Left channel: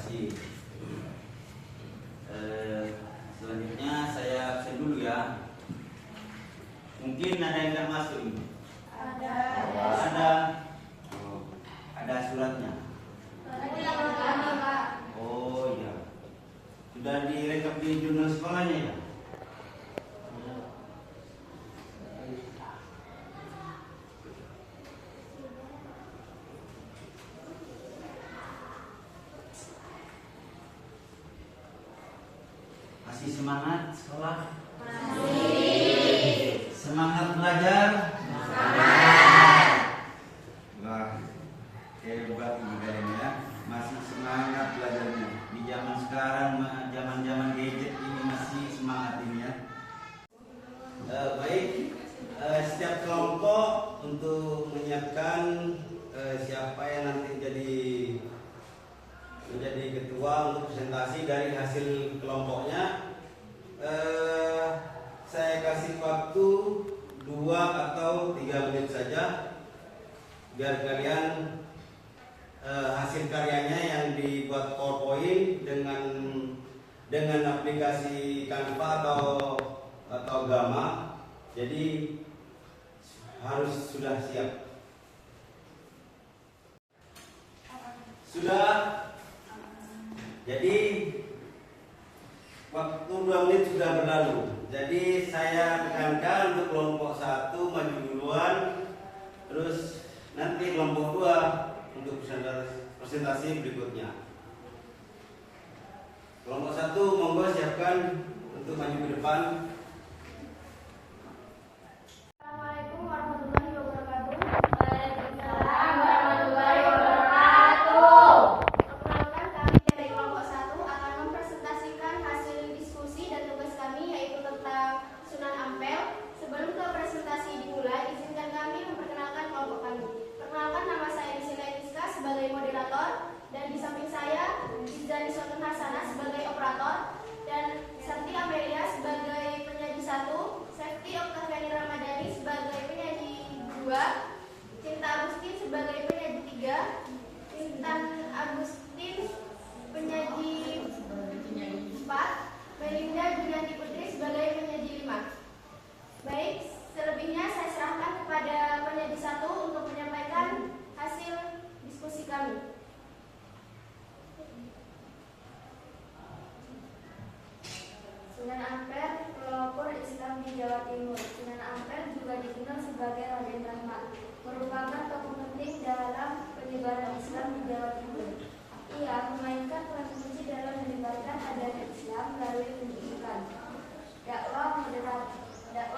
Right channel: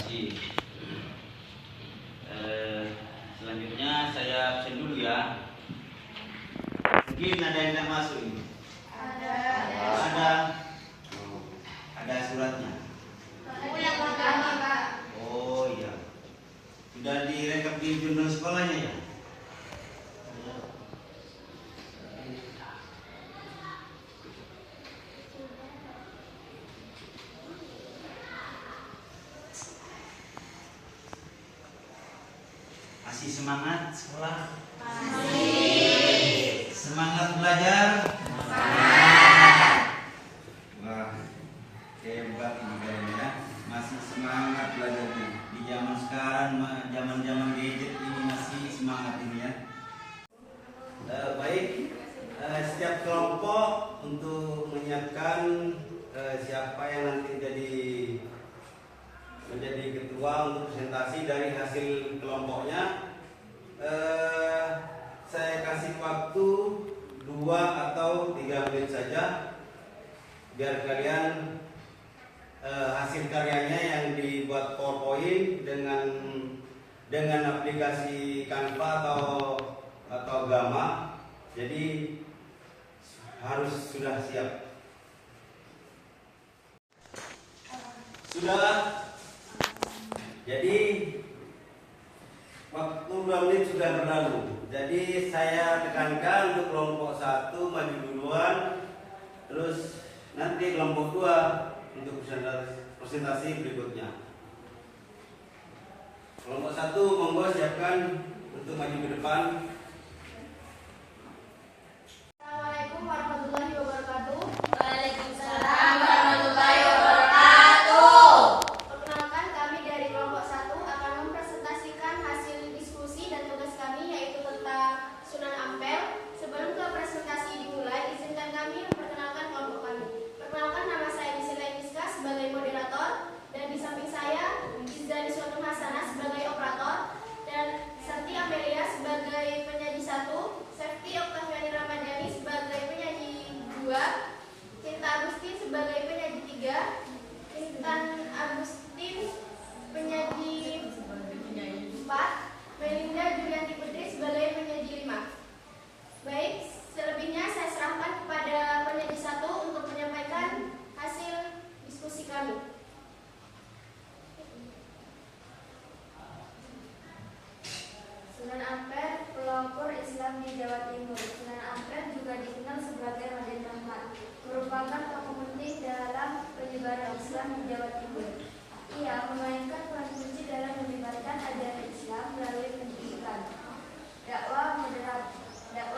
kasih. Selanjutnya saya absen dulu ya. Mungkin ada yang tidak masuk ini. Ada. Oh, ada suratnya. Oh iya. Sudah direkap di jurnal sekolahnya ya. Masih semangat sekolah? Masih. Semangat belajar? Semangat. Wah, hebat ini kalian ya. Masih semangat belajarnya. Di zaman sekarang, zaman gadget ini masih semangat ini ya. Baik, setiap kelompok untuk menyiapkan siapa yang nanti menjadi ketua untuk presentasi dari hasil kelompoknya. Saya kasih waktu 2 atau 3 menit saja biar kalian hasil karyanya yang dibuat PowerPoint dengan aplikasi Canva atau Gamma. Jadi harus sudah siap. Sudah. Jadi waktu 2 menit sudah berlalu. Jadi saya tekankan untuk kelompok 1 maju duluan, terus nanti kelompok 2 untuk presentasi berikutnya. Kelompok 1 monggo siapkan untuk maju ke depan. Assalamualaikum warahmatullahi wabarakatuh. Waalaikumsalam warahmatullahi wabarakatuh. Perkenalkan, kami dari kelompok 1 akan mempresentasikan hasil diskusi dan tugas kami, yaitu tentang Sunan Ampel. Sebelum ke presentasi dimulai, izinkan kami memperkenalkan kelompok kami. Perkenalkan, nama saya Nisila Emiska sebagai moderator, dan di samping saya Izzani Sultan Hasanah sebagai operator, dan Santi Amelia sebagai penyaji 1, Safety Oktaviani Ramadhani sebagai penyaji 2, Cinta Agustin sebagai penyaji 3, Intan Agustin penyaji 4, Melinda Julianti Putri sebagai penyaji 5. Baik, selebihnya saya serahkan kepada penyaji 1 untuk menyampaikan hasil diskusi kami. Sunan Ampel, pelopor Islam di Jawa Timur. Sunan Ampel juga dikenal sebagai Raden Rahmat, merupakan tokoh penting dalam penyebaran Islam di Jawa Timur. Ia memainkan peran kunci dalam menyebarkan ajaran Islam melalui pendidikan, dakwah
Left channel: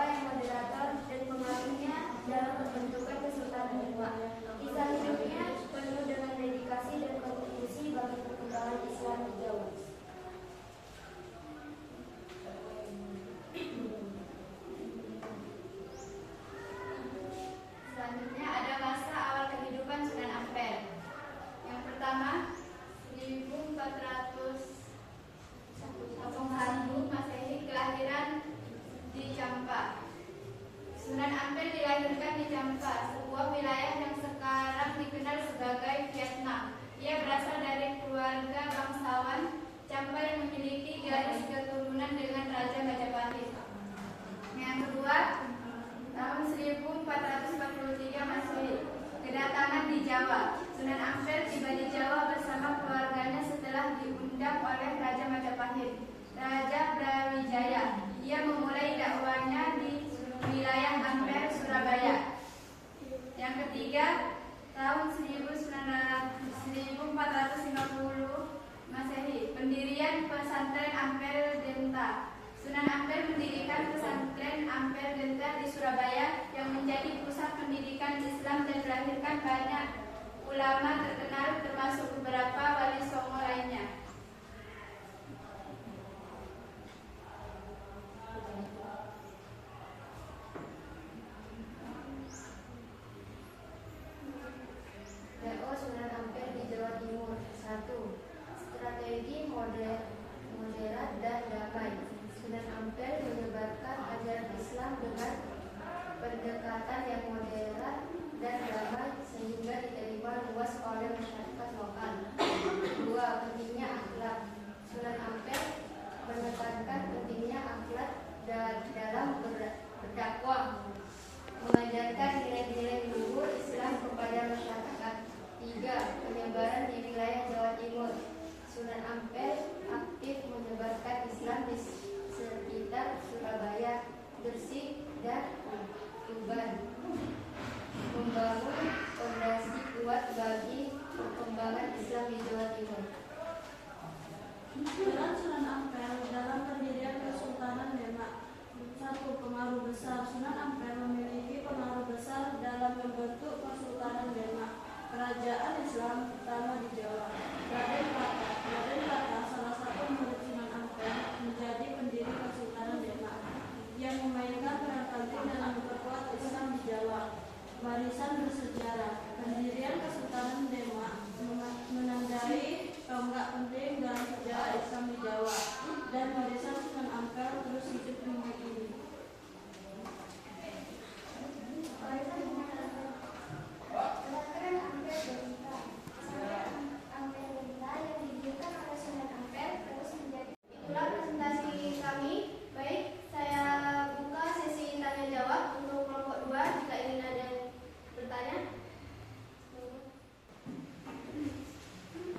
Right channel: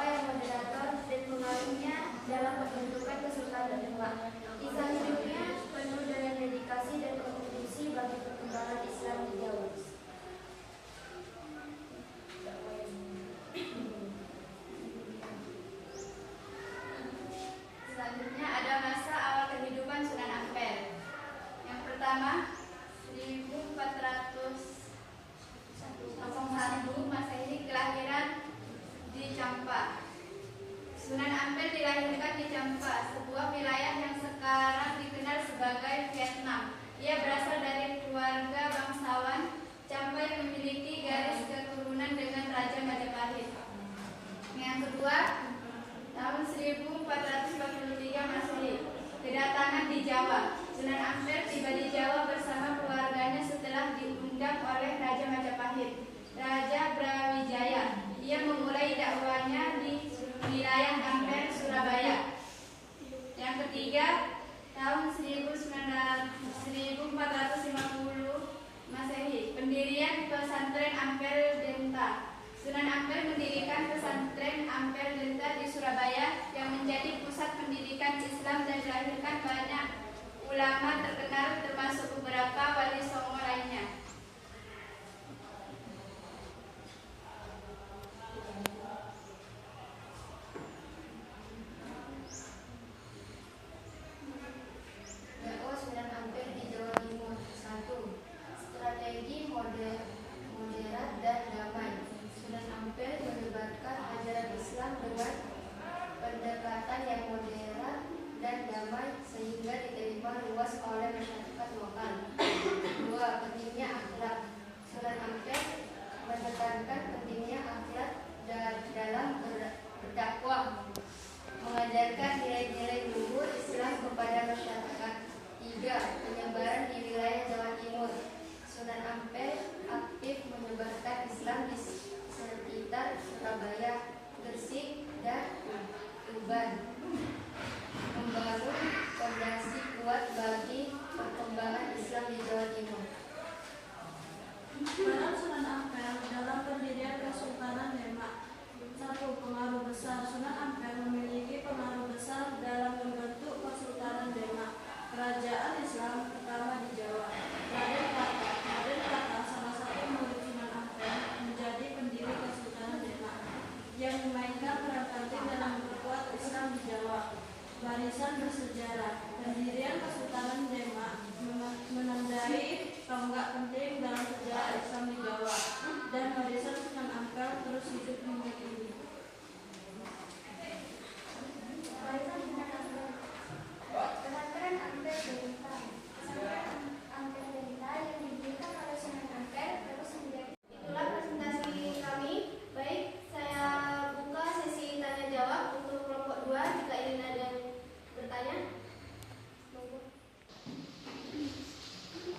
yang moderator, dan pengaruhnya dalam pembentukan Kesultanan Demak. Kisah hidupnya penuh dengan dedikasi dan kontribusi bagi perkembangan Islam di Jawa. Selanjutnya ada masa awal kehidupan Sunan Ampel. Yang pertama, 1401 Masehi, kelahiran di Champa. Sunan Ampel dilahirkan di Champa, sebuah wilayah yang sekarang dikenal sebagai Vietnam. Ia berasal dari keluarga bangsawan Champa yang memiliki garis keturunan dengan Raja Majapahit. Yang kedua, tahun 1443 Masehi, kedatangan di Jawa. Sunan Ampel tiba di Jawa bersama keluarganya setelah diundang oleh Raja Majapahit, Raja Brawijaya. Ia memulai dakwahnya di wilayah Ampel, Surabaya. Yang ketiga, tahun 1450 Masehi, pendirian pesantren Ampel Denta. Sunan Ampel mendirikan pesantren Ampel Denta di Surabaya yang menjadi pusat pendidikan Islam dan melahirkan banyak ulama terkenal termasuk beberapa wali songo lainnya. Dakwah Sunan Ampel di Jawa Timur. 1. Strategi moderat dan damai. Sunan Ampel menyebarkan ajaran Islam dengan pendekatan yang moderat dan damai sehingga diterima luas oleh masyarakat lokal. sangat penting dalam sejarah Islam di Jawa dan warisan Sunan Ampel terus hidup hingga kini. Pesantren Ampel Delita. Pesantren Ampel Delita yang didirikan oleh Sunan Ampel terus menjadi. Itulah presentasi kami. Baik, saya buka sesi tanya jawab untuk kelompok 2 jika ingin ada yang bertanya.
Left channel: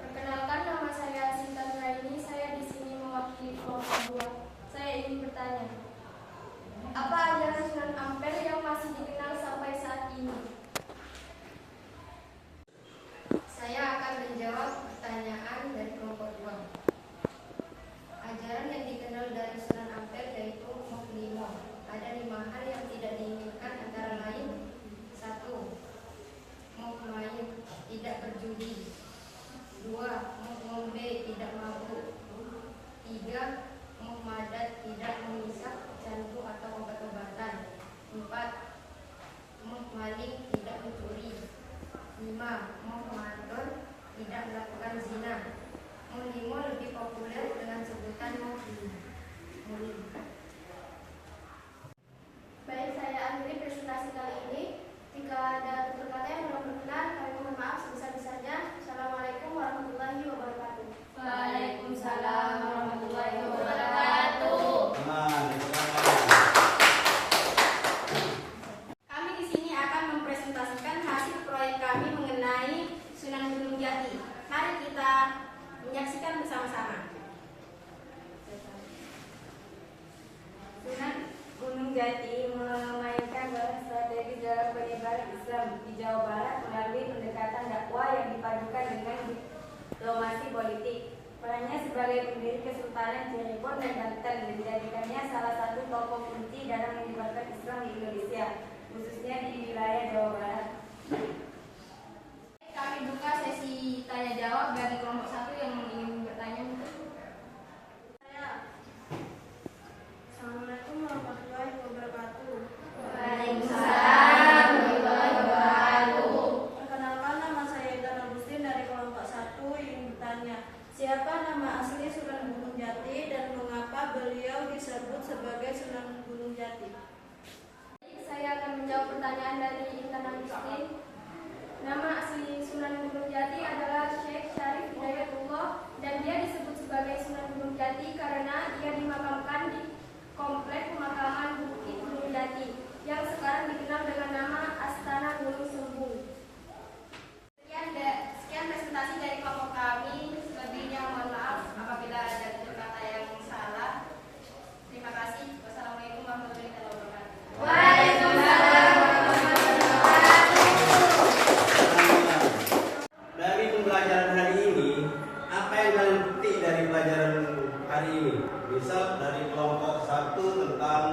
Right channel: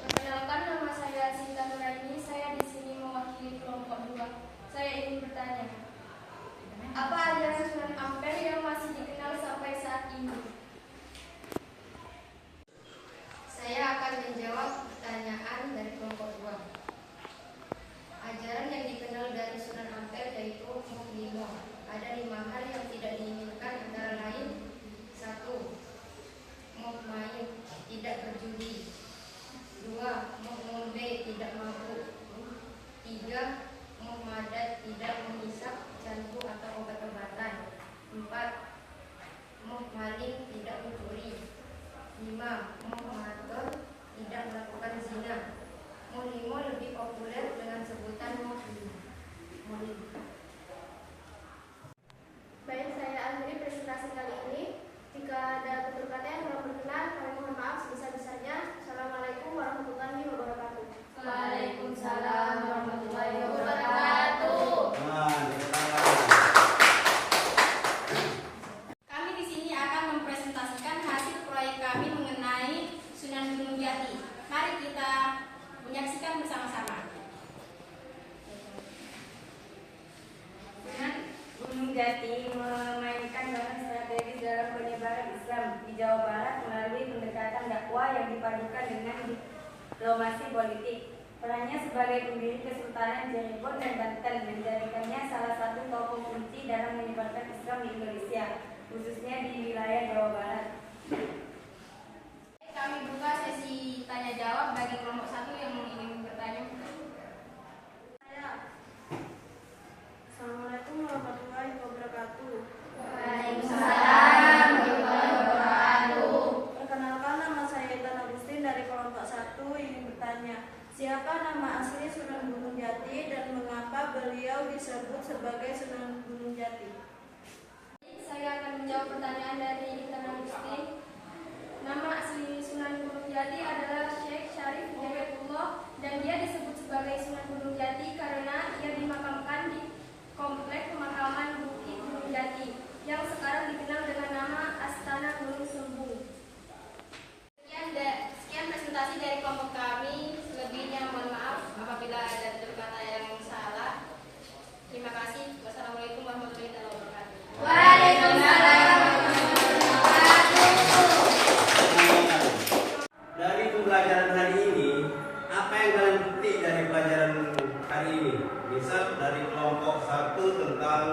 Perkenalkan, nama saya Sinta Nuraini. Saya di sini mewakili kelompok 2. Saya ingin bertanya, apa ajaran Sunan Ampel yang masih dikenal sampai saat ini? Saya akan menjawab pertanyaan dari kelompok 2. Ajaran yang dikenal dari Sunan Ampel yaitu Moh 5. Ada 5 hal yang tidak diinginkan, antara lain: 1. Moh main, tidak berjudi. 2. Moh ngombe, tidak mabuk. 3. Moh madat, tidak mengisap candu atau obat-obatan. 4. Moh maling, tidak mencuri. 5. Moh mengatur, tidak melakukan zina. Moh 5 lebih populer dengan sebutan Moh 5. Baik, saya akhiri presentasi kali ini. Jika ada tutur kata yang belum berkenan, kami mohon maaf sebesar-besarnya. Assalamualaikum warahmatullahi wabarakatuh. Waalaikumsalam warahmatullahi wabarakatuh. Kami di sini akan mempresentasikan hasil proyek kami mengenai Sunan Gunung Jati. Mari kita menyaksikan bersama-sama. Sunan Gunung Jati memainkan peran strategis dalam penyebaran Islam di Jawa Barat melalui pendekatan dakwah yang dipadukan dengan diplomasi politik. Perannya sebagai pendiri Kesultanan Cirebon dan Banten menjadikannya salah satu tokoh kunci dalam menyebarkan Islam di Indonesia, khususnya di wilayah Jawa Barat. Kami buka sesi tanya jawab bagi kelompok 1 yang ingin bertanya. Assalamualaikum warahmatullahi wabarakatuh. Waalaikumsalam warahmatullahi wabarakatuh. Perkenalkan, nama saya Intan Agustin dari kelompok 1 ingin bertanya, siapa nama asli Sunan Gunung Jati dan mengapa beliau disebut sebagai Sunan Gunung Jati? Saya akan menjawab pertanyaan dari Intan Agustin. Nama asli Sunan Gunung Jati adalah Syekh Syarif Hidayatullah dan dia disebut sebagai Sunan Gunung Jati karena ia dimakamkan di komplek pemakaman Bukit Gunung Jati yang sekarang dikenal dengan nama Astana Gunung Sumbung. Sekian presentasi dari kelompok kami. Selebihnya mohon maaf apabila ada tutur kata yang salah. Terima kasih. Wassalamualaikum warahmatullahi wabarakatuh. Waalaikumsalam warahmatullahi wabarakatuh. Dari pembelajaran hari ini, apa yang kalian petik dari pelajaran hari ini? Misal dari kelompok 1 tentang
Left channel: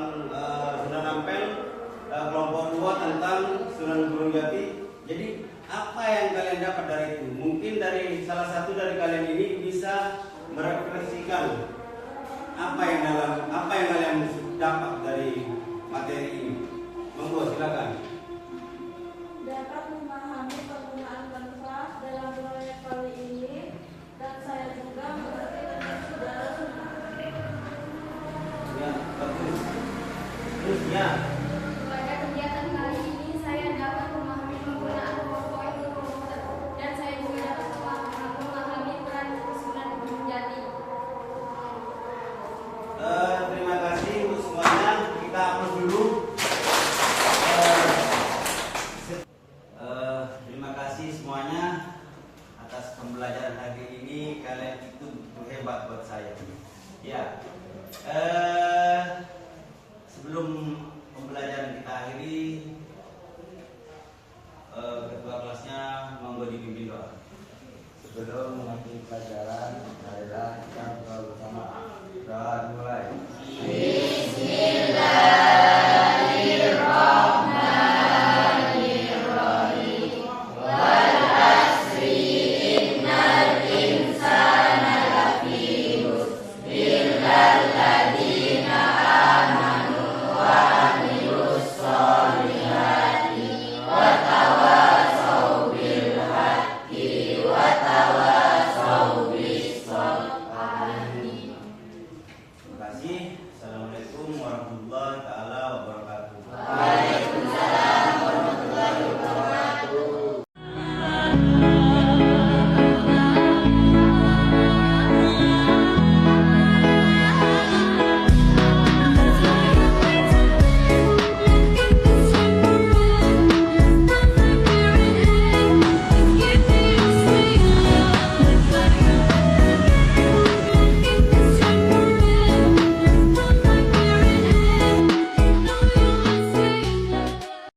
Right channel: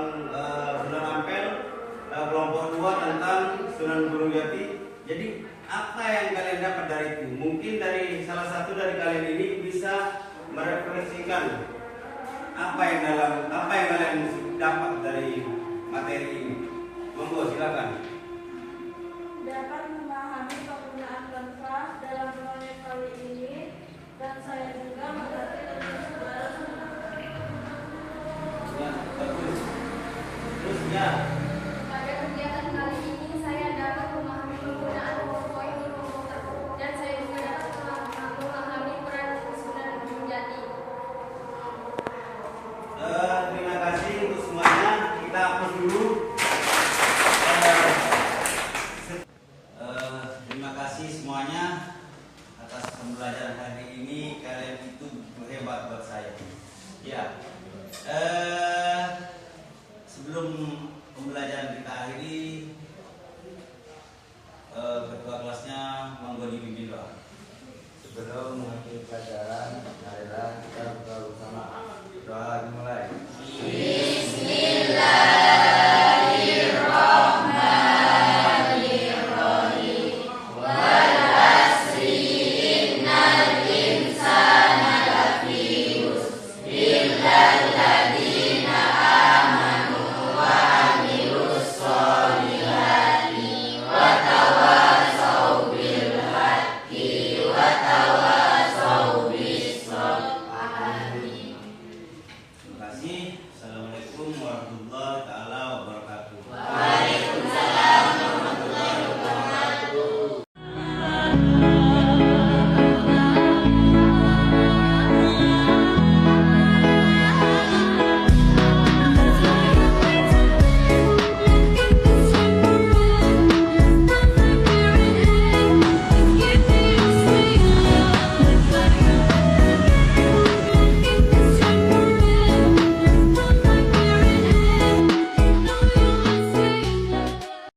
Sunan Ampel, kelompok 2 tentang Sunan Gunung Jati. Jadi apa yang kalian dapat dari itu? Mungkin dari salah satu dari kalian ini bisa merefleksikan apa yang kalian dapat dari materi ini. Monggo, silakan. Dapat memahami penggunaan kanvas dalam proyek kali ini dan saya juga mengerti lebih dalam. Ya, bagus. Terus ya. Pada kegiatan kali ini saya dapat memahami penggunaan PowerPoint di komputer dan saya juga dapat memahami peran Sunan Gunung Jati. Terima kasih untuk semuanya. Kita hapus dulu. Terima kasih semuanya atas pembelajaran hari ini. Kalian itu begitu hebat buat saya. Ya.